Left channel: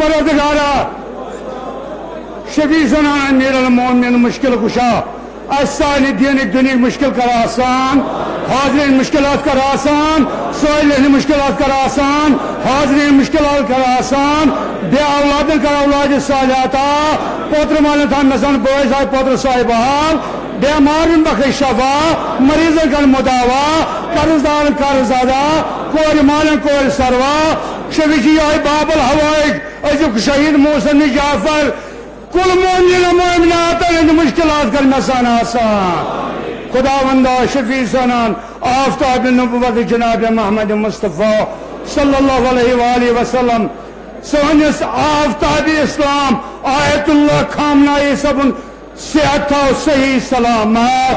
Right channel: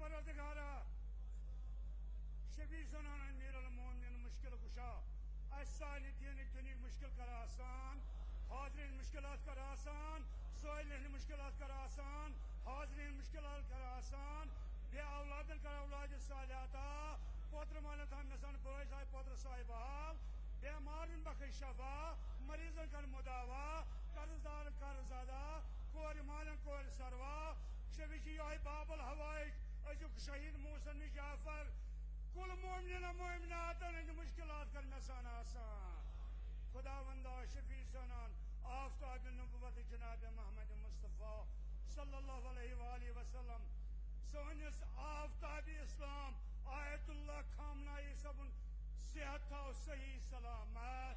परवरदिगारा शफी सुनान अमीरुल मोमिनीन मुश्किल कुशा असानी दीन दुनिया मुश्किल कर आसान हाजरीन मुश्किलात कर आसान साइलिन मुश्किलात कर आसान हाजरीन मुश्किलात कर आसान बे औलादन कर औलाद सालिहाता पोत्र मालन थान नसन बोझ आए पोत्र साहिब हाल बेमारन बखे शफा मरीजन कर मुदावा कर्जदार कर्ज अदा कोर मालन कोर सरवा शफी जी आए बाबल हवाइज अजुक शहीद मोहसिन जाफर कुल मोमिन मोमिनात मुश्किलात कर नसान आसान खुदावंदा शफी सनान आफ्ताब नबुव्वत जनाब मोहम्मद मुस्तफ़ा सल्लल्लाहु अलैहि वसल्लम सोनिस आफ्ताब इस्लाम आयतुल्लाह खामना सबन सेहत सही सलामत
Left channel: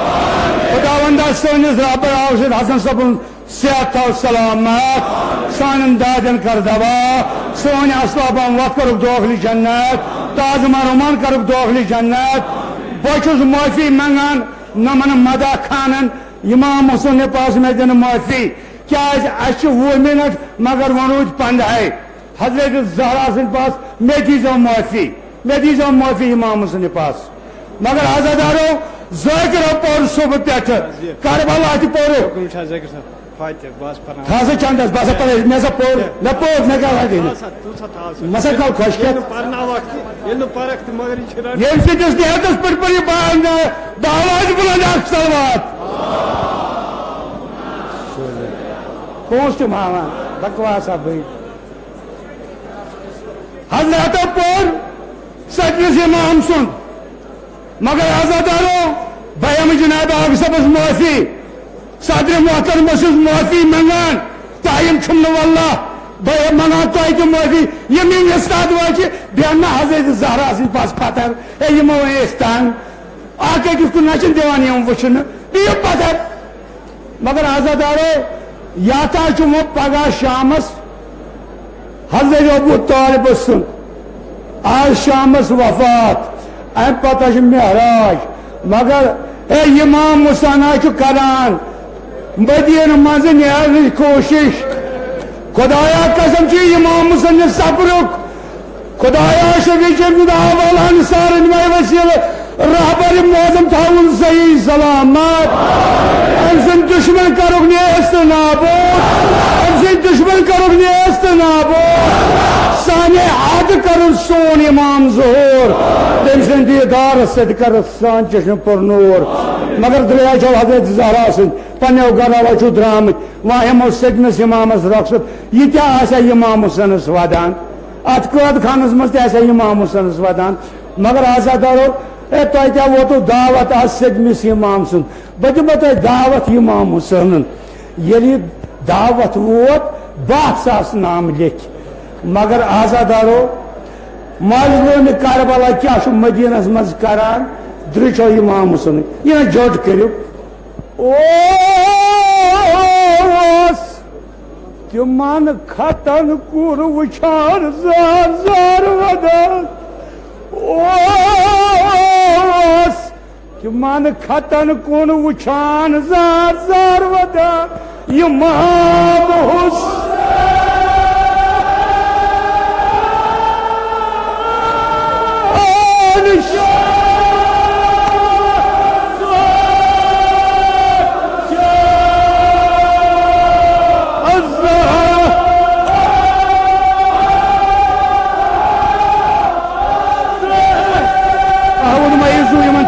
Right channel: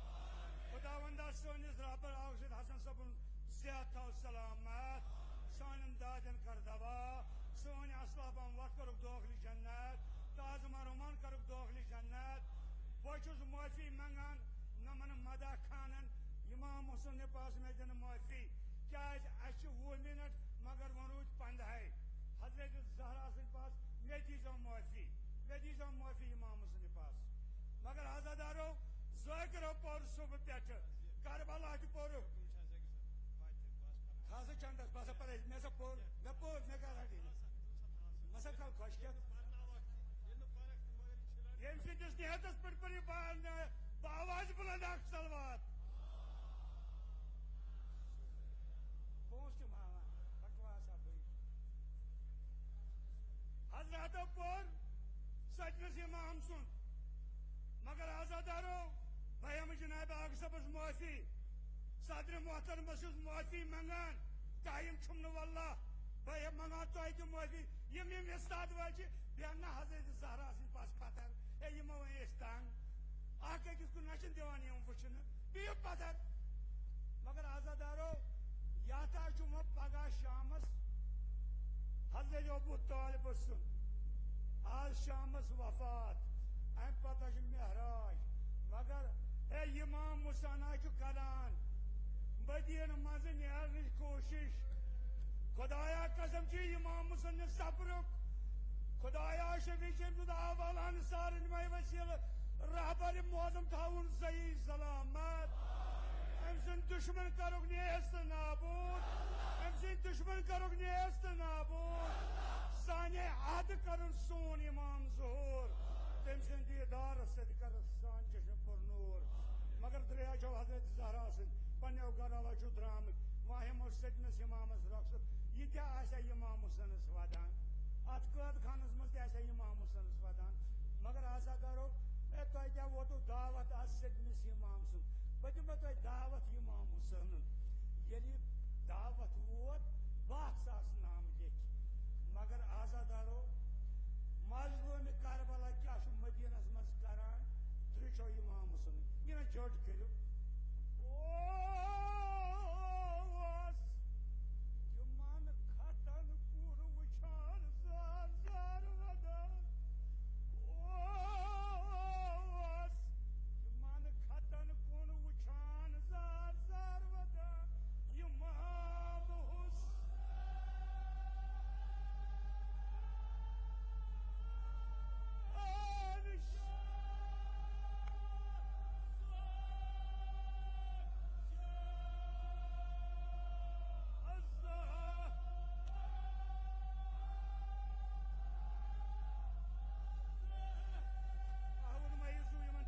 खुदावंदा सोनिस रब आशिद हसन सबन सेहत सलामत सान दादन कर दवा सोन असलाबन वत कर दाखिल जन्नत ताजमा रोमान कर दाखिल जन्नत बहुत माफी मंगान नमन मदा खानन इमाम हुसैन पास में दिन माफी क्या 20 मिनट मगर वनो 15 हजरत ज़हरा सिंह पास मैं दीजो माफी इमाम हुसैन पास मगर आजादारो ज़ाकिर पर सुबह पे करबला पोरो खासा चंदस बस पर मैं सब पोर न पोर न का है मसा कल खुश के ये से जिस देहतस पर बांध दावाज बुलंद सलवात कौन से मामा बकवास अब हजरत पोर सजलिस इमाम सुन मगर आजादारो भयम जनाब आप सब माफी सदर मोहतरम माफी मंगान तायम छुमन वल्ला भय मंगान तो माफी यमीन उस्ताद वाचे बेना हजरत ज़हरा सिंह पास पत्थर ए यमो इस्तान आके किसको नचन दिवान यम वचन बियो पत्थर मगर आजादारो याता चुमो पगा शामस हजरत अबू तालिब सुन आज शामस वफात अम पता मेहराज मगर ए इमाम मुसाना करान मदीन मज नीन कोशिश खुदाया कसम इमाम हुसैन सब्रुक खुदाया शफी सार वसील रहबर मोजम थाउन सही सलामत अम दुश्मन करुक नेस्त नाबूद दुश्मन करुक नेस्त नाबूद साने आद कर सोन इमाम ज़हूर तम दीदार सद कर सान चश्म पर नूर मगर दलिया हजरत ज़हरा सिंह पन्नो गरा चु द्रामत वह हमो सदमस इमामस रखसत यह इमाम हुसैनस वदान अत कद खानस मज इमाम हुसैनस वदान मगर आजादारो क्या वोतु दावत आज सदमस इमाम सुन बह दिमो तुम दावत इमाम हुसैन ये दावत वोत 10,000 नाम लिख मगर आजादारो मजलूम करबला क्या मदीनस मज करान द्रिचो इमाम हुसैन यह जोट करू तिमन खतन कुर वुचान जार जार वदान तिमन खतन कुन वुचान जार जार वदान इमाम हुसैन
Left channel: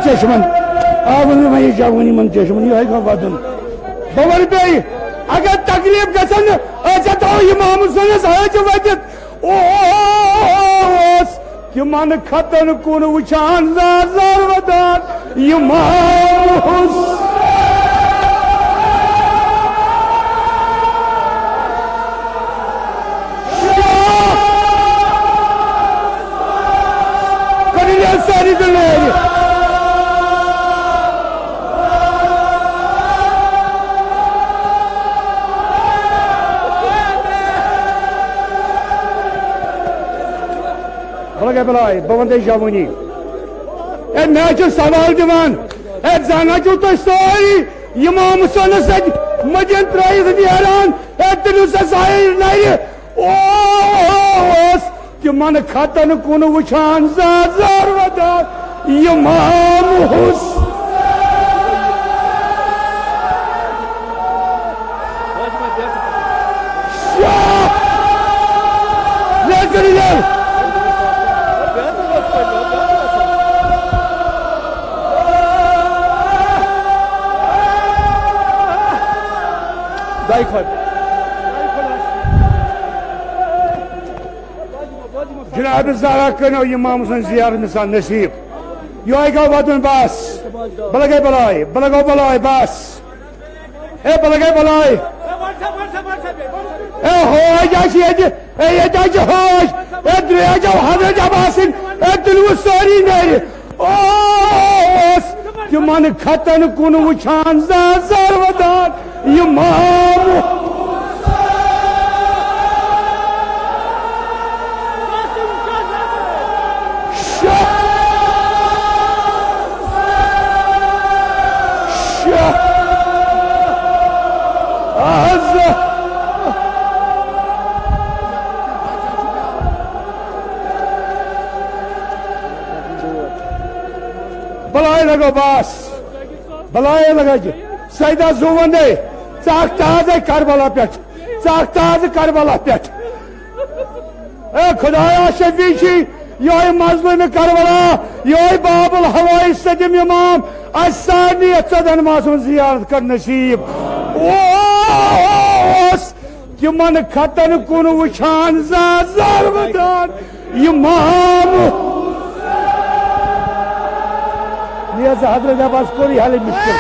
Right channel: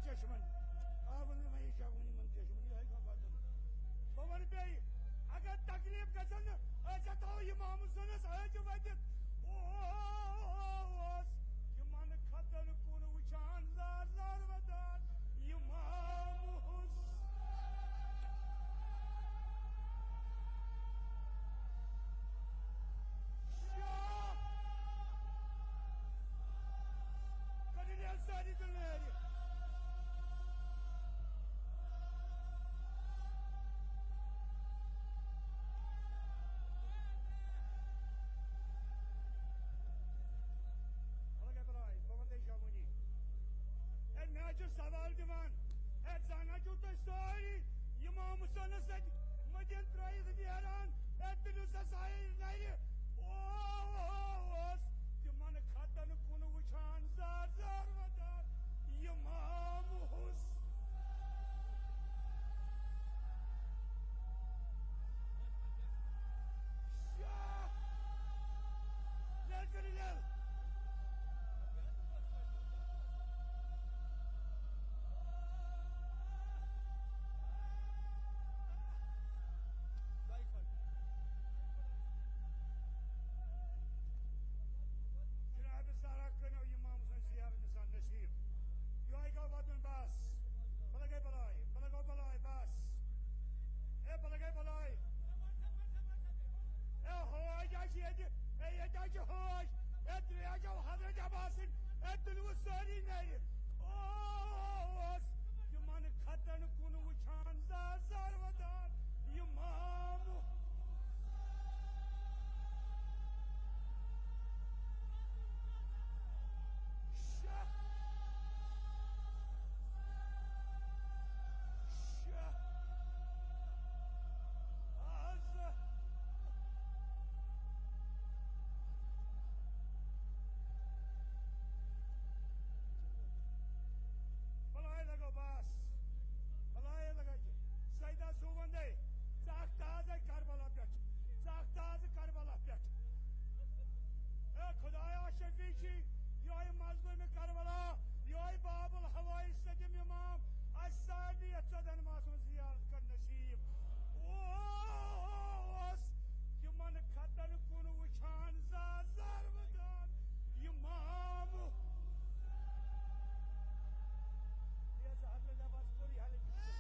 चश्मन आवन जावन इन चश्मन यह वदन बवन पे अगर तकलीफ गसन इमाम हुसैन हज वदित तिमन खतन कुन वुचान जार जार वदान इमाम हुसैन सारी बलाय बवंदे जवानी मैं सवाल दिवान जाना तुम सारी इमाम हुसैन मदीन त्रैन तलू सा नर यमन खतन कुन वुछान जार वदान इमाम हुसैन जनाब ज़रा करो इमाम हुसैन ज़ियारत मिसाल नसीब यो गो वदन बस बलगे बलाय बस ए बलगे बलाय ए होय जाशी ए जाशी होय ए द्रेजो हजरत अब्बासिन ए दिलव सारी नेर ओस यमन खतन कुन वुछान ज़र वदान इमाम बलाय लगो बस बलाय लगा सैदा जुवंदे चाकताज करबला पे चाकताज करबला पे ए खुदाया शफीची योय मजलूम करबला योय बाबुल हवाई सदम इमाम असानी सदन मासूम जियारत कर नसीब ओस यमन खतन कुन वुछान जार वदान इमाम नियाज़ हजरत अब्बास कोई हाल मुश्किल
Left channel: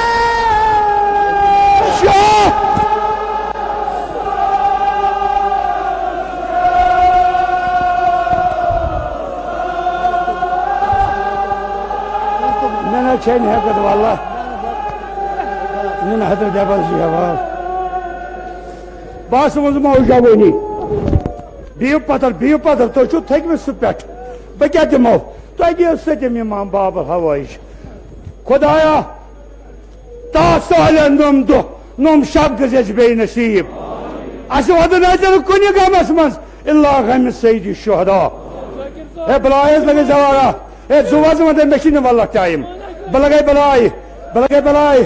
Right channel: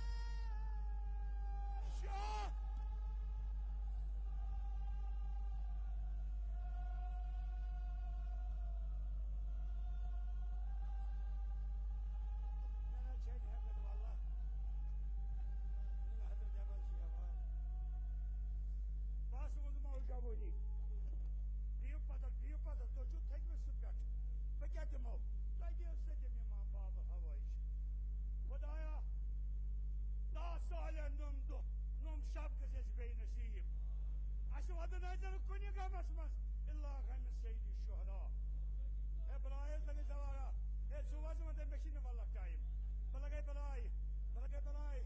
ना छे नहीं हकत वाला ना हजरत अब्बास जी हवाल बास मुझ मौजा वही बियो पतर तो छु थक में सुपेट बह क्या दिमो तो सदम इमाम बाबुल हवाई खुदाया तासाल नम दो नम शब गज बे नसीब अस वद नजर कुन गमस मज इल्ला गम सईद शुहदा ए बलायस लगे जवारा ए जुवाज मद मशीन वाला टाइम बलगे बलाय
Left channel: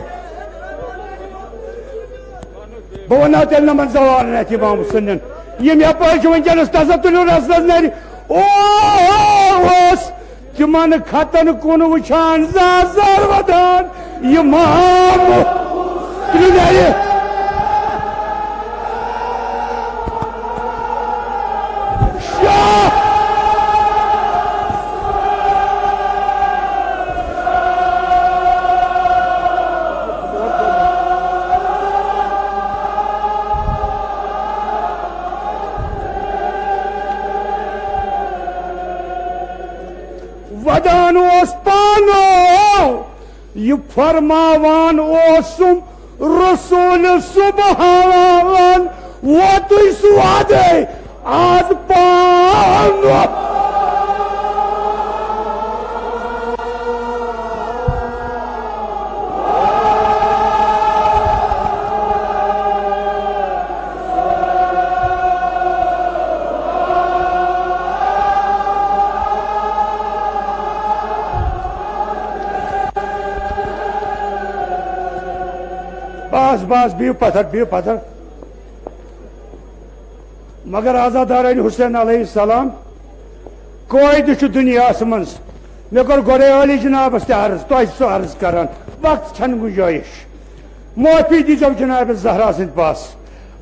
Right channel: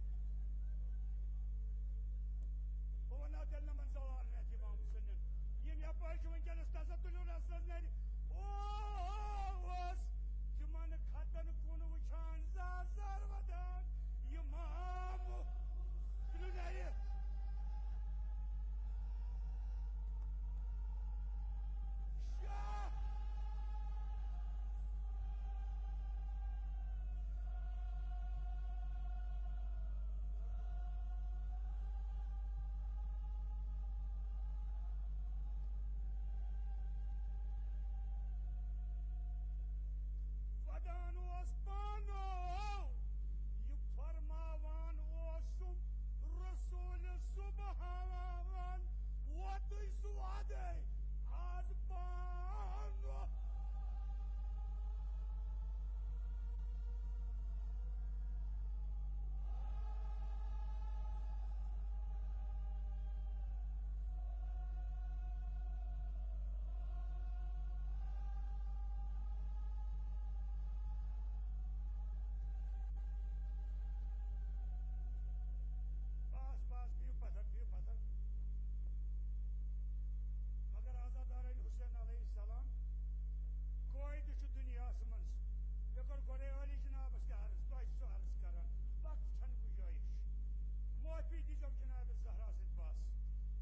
बवना तेल नमन जवार ने इमाम हुसैन यम यपाच वंकस तसतुल रसलस नर ओस यमन खतन कुन वुछान जार वदान इमाम वदान ओस पानो ये फरमावान ओसुम रसूल सुबहान वो तुई सुआदे आज पानो बस बियो पत्थर मगर आजादारान हुसैन अलैहिस्सलाम कोई दुनिया मज मे कोर गोरे अली जनाबस अर्ज तो अर्ज कर वक्त छन गुंजाइश माफी दीजो जनाब जहरा सद पास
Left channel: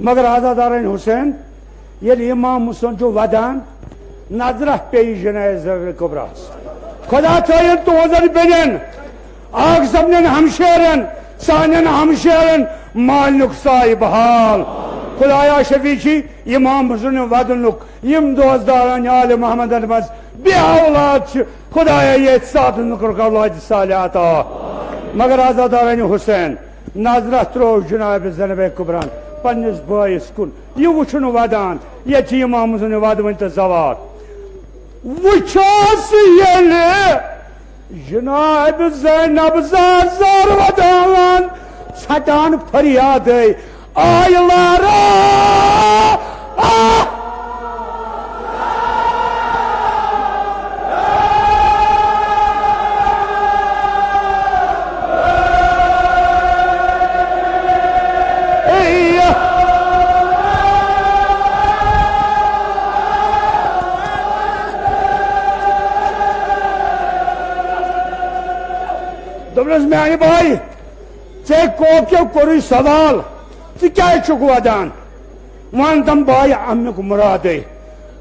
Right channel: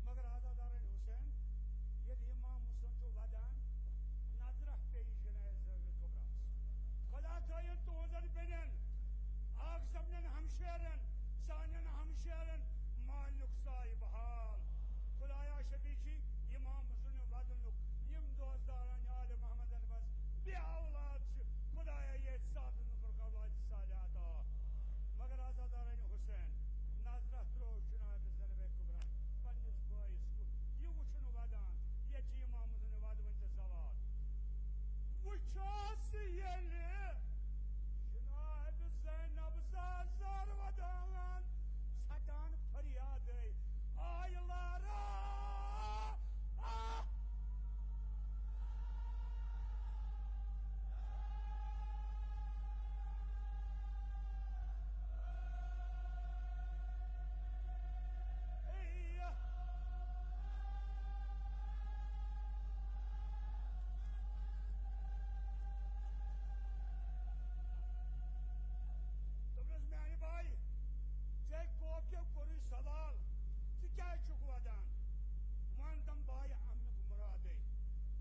मगर आजादारान हुसैन ये इमाम हुसैन जो वदान नजर पे जनाज कुबरास खुदा थन तुजन बेन आग सबन हमशेरन सान हमशेरन मालनुक साहिब हाल खुदाया शफीची इमाम हुसैन वदनुक यम दोस्तदारान आल मोहम्मद मज बे औलाद खुदाया ये साथ औलाद सालिह अता मगर आजादारान हुसैन नजर त्रो जनाब ज़ैनब कुबरान पन्निस बायस कुन ये वुछन वदान ये इमाम हुसैन वद वन तो जवार वुछास येले जनाब ज़ैनब ज़र वदान छटान फरियाद आय लारा मानी भाई चे कोक्यो कोई सवाल क्या वदान वन तम भाई अमुक मुराद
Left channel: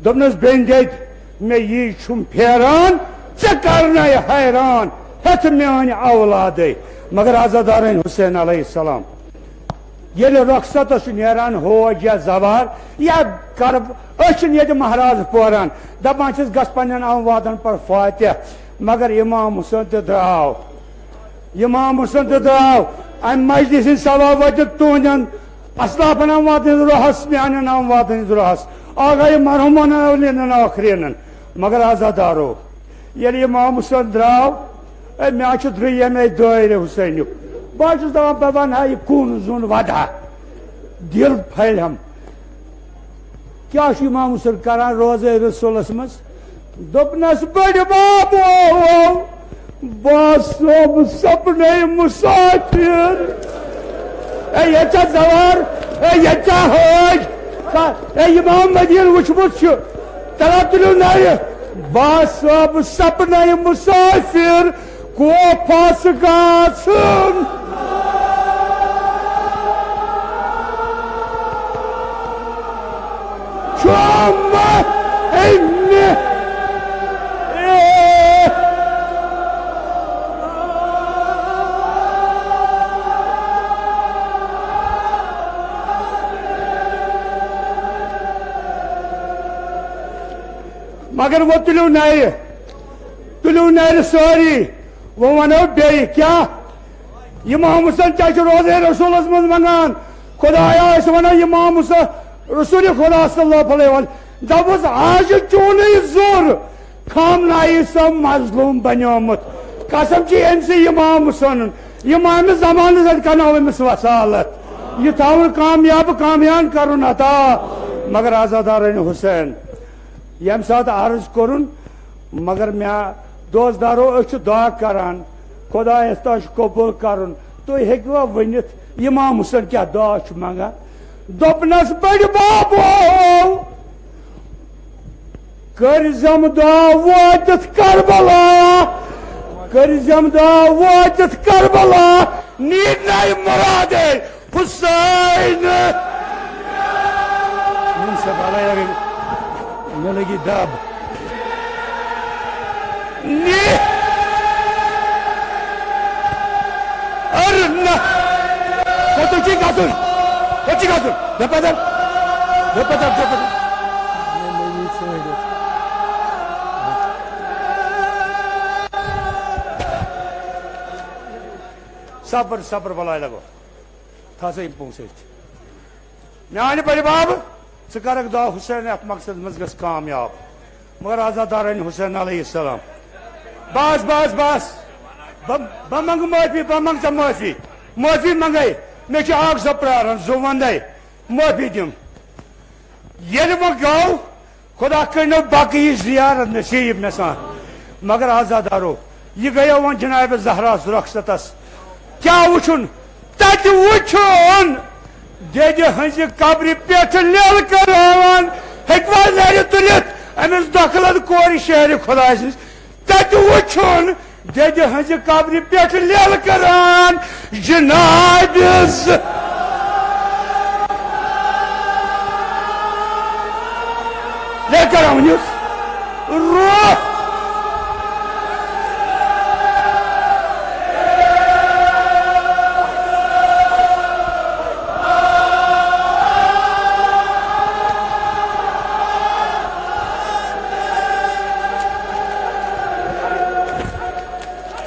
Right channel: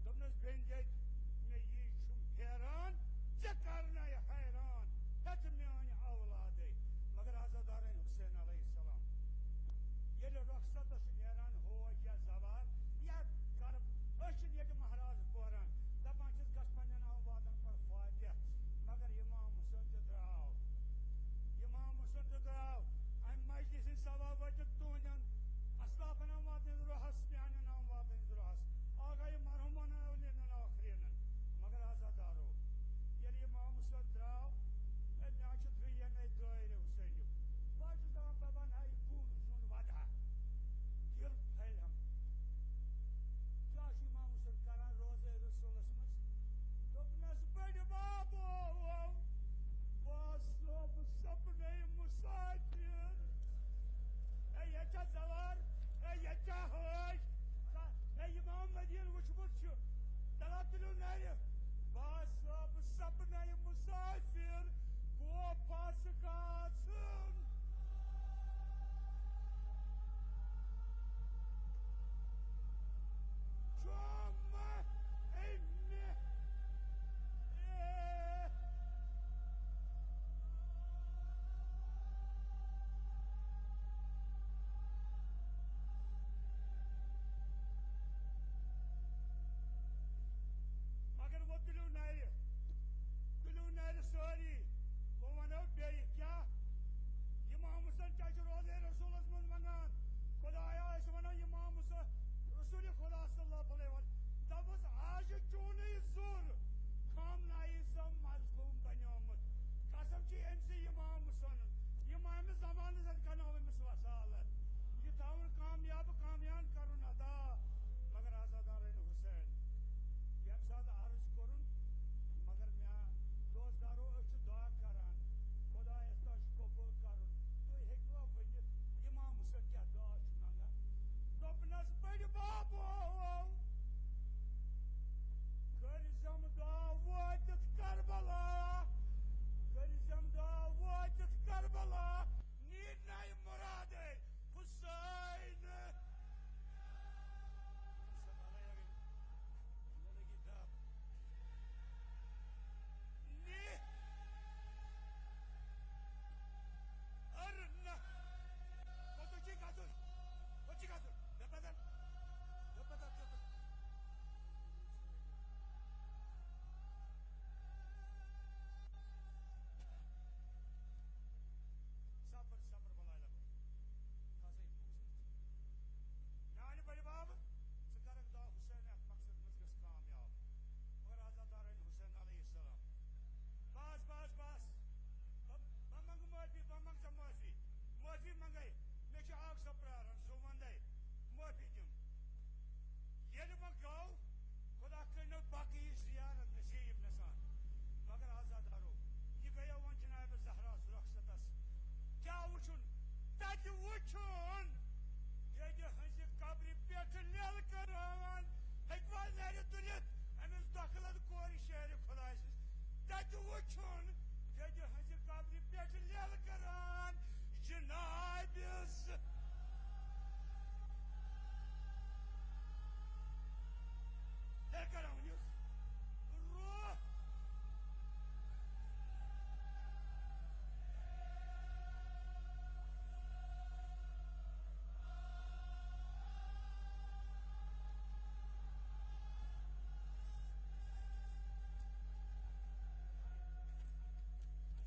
दोपनस बेन दे मे यी फेरान चे करना हैरान हथ मान औलाद मगर आजादार हुसैन अलैहिस्सलाम ये रखसत नान होज या जवार या करब ये महाराज पोरान दपान गस पन अमवादन पर फातिह मगर इमाम हुसैन द्राव अम मजलिस सवा वत तुहन असलाफन अमवादन रोहस मान अमवादन रोहस आगे मरहुमन अवलिन आखरीन मगर आजादारो ये इमाम हुसैन द्राव मे द्रुम दायरे हुसैन बहुत दपान वन हा यह कून जुन वदा दिल फलम क्या इमाम हुसैन करान रोज़े रसूलस मज दोपनस बड़ बाबो बस सपने मुसाफिर ये जवार ये हज इमाम मदीन वुचमुत तला तुलो नाय बस सपने मुसाफिर को फस गाछन मगर वो तुलो नार सारी वो वनो बे क्या इमाम हुसैन क्या रोज़े रसूलस मज मंगान खुदाया वन इमाम हुसैन रसूल खुदा सल्लल्लाहु अलैहि वसल्लम दपस आज चून जोर खामनाई सब मजलूम बनियोमुत कसम अमस इमाम हुसैन इमाम जमान कर अमिस वसालत यह थवन कामयान कर अता मगर आजादार हुसैन यम सात अर्ज कर मगर मे दोस्तदारो दुआ करान खुदायस तह कबूल कर तुम हेकवा वनित इमाम हुसैन क्या दुआ मंगान दोपनस बड़ बाबो करजम दुआ वातित करबला करजम दुआ वातित करबला नीड नाय मुराद हुसैन मे लगी दब अरे ना तो ठीक आसुन Dapat sabar balai lago thasa impung se meani bari bab sekarang da Husain at maksad mazgas kamyab magar azadaran Husain alayhi salam bas bamang mafi mangai me ki ag zapraran zovandai mafi dim yeli wo gaw खुदा करनो बाकी जियारत नसीब में सा मगर आजादारो ये गया वन जनाब जहरा सुरक्षतस क्या वुचुन तत वुचुन देज हंज कब्र पेट लेल करावन हेकवा लेर तुलित अमिस दखलत कोर शहर खुदा तत वुचुन देज हंज कब्र पेट लेल करान जनाब लेकर आऊं रोह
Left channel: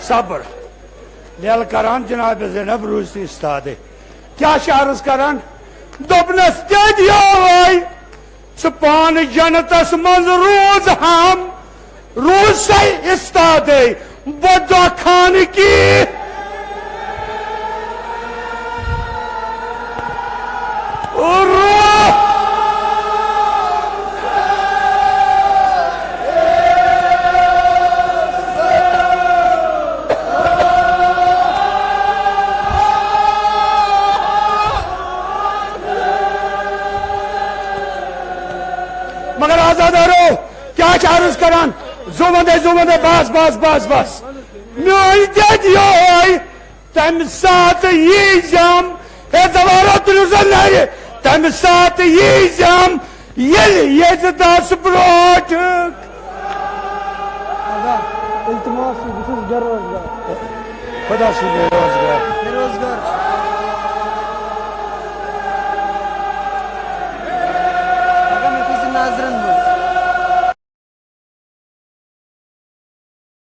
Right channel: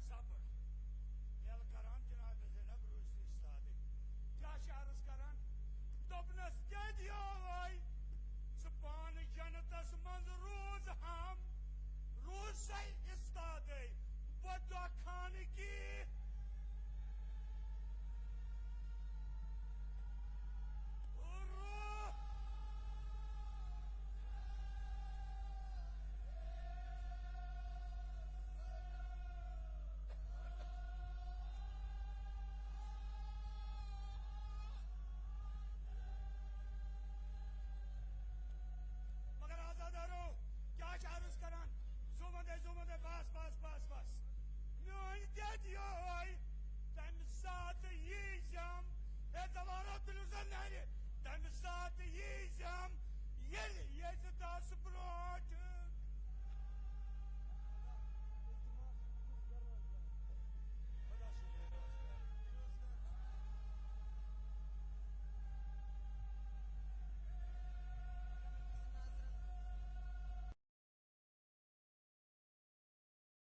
सब्र लेल करान जनाब ज़ैनब रूसी इस्तादे क्या शारस करान दोपनस क्या दिया भाई सुपान जनतस मंज रोज हम रोज से इस्तादे बदा खान की मगर आजादारो क्या चार्ज करान जुमदे बस तम साथ यीजम हे जवारत रुजन तम साथ यीजम यल यजदास ब्रोट इल्तिमास बेरोजगार खुदा से बेरोजगार बेरोजगार